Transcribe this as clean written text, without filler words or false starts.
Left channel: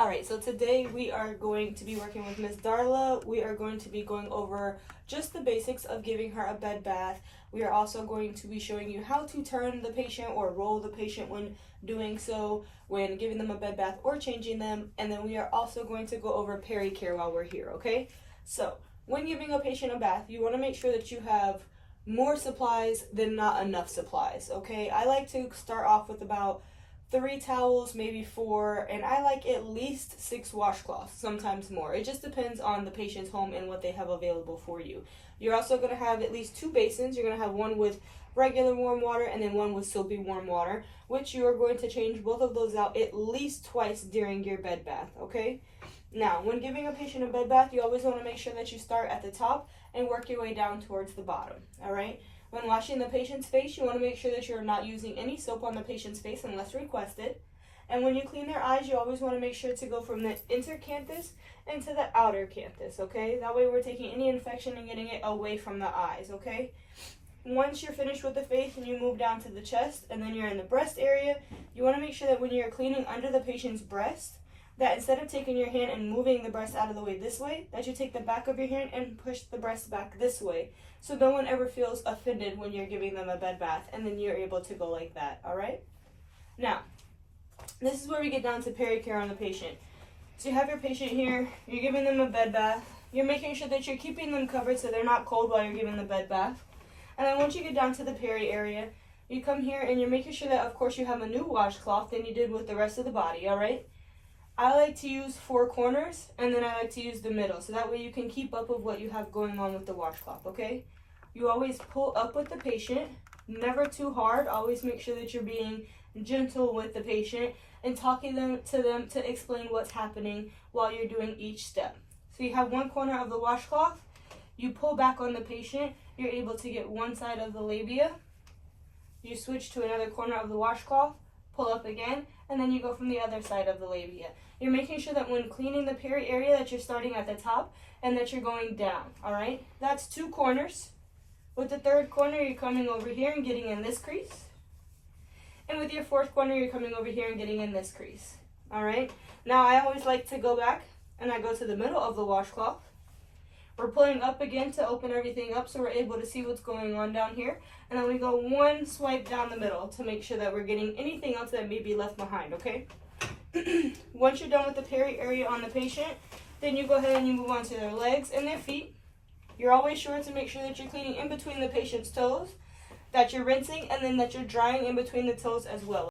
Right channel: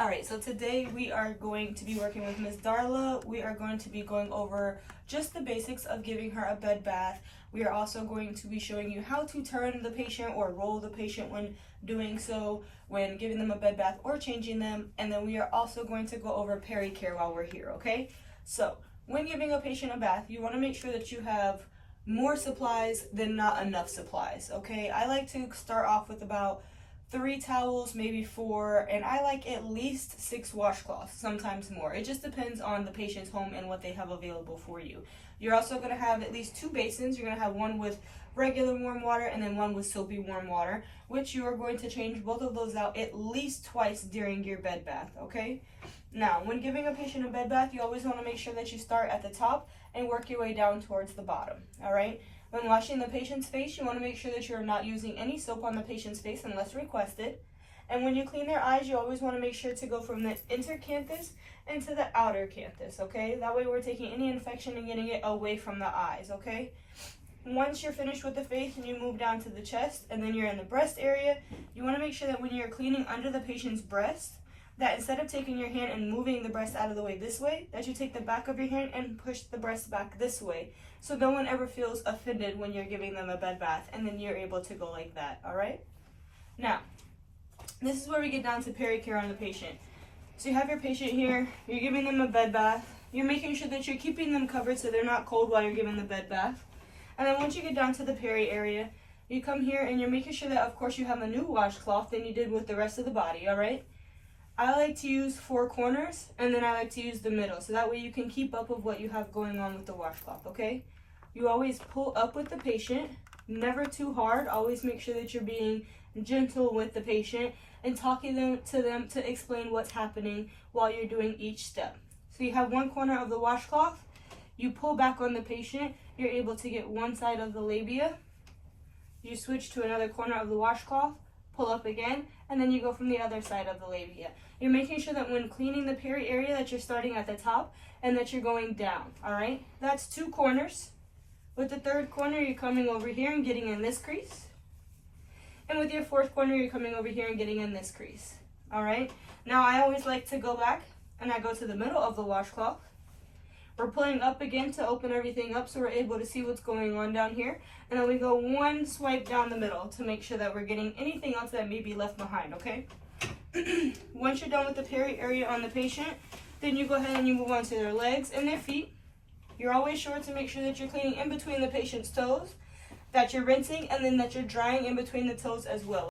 Alright, so today we are going to be working with Ms. Darla. We are going to be going over just the basics of giving her a bed bath. We are also going to be showing you how to turn the patient or roll the patient when doing so, when giving them a bed bath or changing them. And then we are also going to go over peri-care while we're here, okay? So, when giving a patient a bath, you want to make sure that you have more supplies than not enough supplies, okay? I like to start off with about 3 towels, maybe 4, and I like at least 6 washcloths, sometimes more. It just depends on the patient's home and what they have available for you. You're also going to have at least 2 basins. You're going to have one with regular warm water and then one with soapy warm water, which you are going to change both of those out at least twice during your bed bath, okay? Now, when giving a patient a bed bath, you always want to make sure that you start at the top and work your way down towards the bottom, all right? When washing the patient's face, you want to make sure that you're not using any soap on the patient's face unless requested. And when you clean their eyes, you always want to make sure to go from the intercanthus into the outer canthus, okay? That way we're taking any infection and getting it away from the eyes, okay? Once you're finished with the face and you move down to the chest and then you're in the breast area, you want to make sure that when you're cleaning under the patient's breast, that instead of taking your hand and moving the breast out of the way this way, that you take the back of your hand and push the breast back this way. So no one ever feels offended when you're giving them a bed bath, and then you're able to go like that, all right? Now, this is where we get down to peri-care on the patient. So you have your patient here, you're giving them a bed bath, you're making sure that you're keeping them covered so they're not cold while you're giving the bed bath. And then once you get down to the peri area, you come here and you're making sure that, of course, you have a new washcloth than you did with the rest of the body, all right? I like to use 4 corners, and then I like to use the middle, so that way you can keep up with what you have going on with the washcloth, okay? You always pull up with the patient, never too hard. Always make sure that you're being gentle with the patient and talking to them to explain what's happening while you're doing each step. So you have one corner of the washcloth, you pull back on the patient, you're able to get one side of the labia, you switch to another corner of the washcloth, pull up again, and then you go from the other side of the labia. You're making sure that when cleaning the peri area that you're starting at the top and that you're going down, all right? That's 2 corners. With the 3rd corner, you're coming over here and getting in this crease. And with your 4th corner, you're coming over here and getting in this crease, all right? Now, I always like to go back and I go to the middle of the washcloth. We're pulling up again to open everything up so we're able to see what's going on down here. And then we go one swipe down the middle to make sure that we're getting anything else that may be left behind, okay? Once you're done with the peri area on the patient, then you go ahead and you move on to their legs and their feet. You're always sure to make sure that you're cleaning in between the patient's toes, that you're rinsing, and then that you're drying in between the toes as well.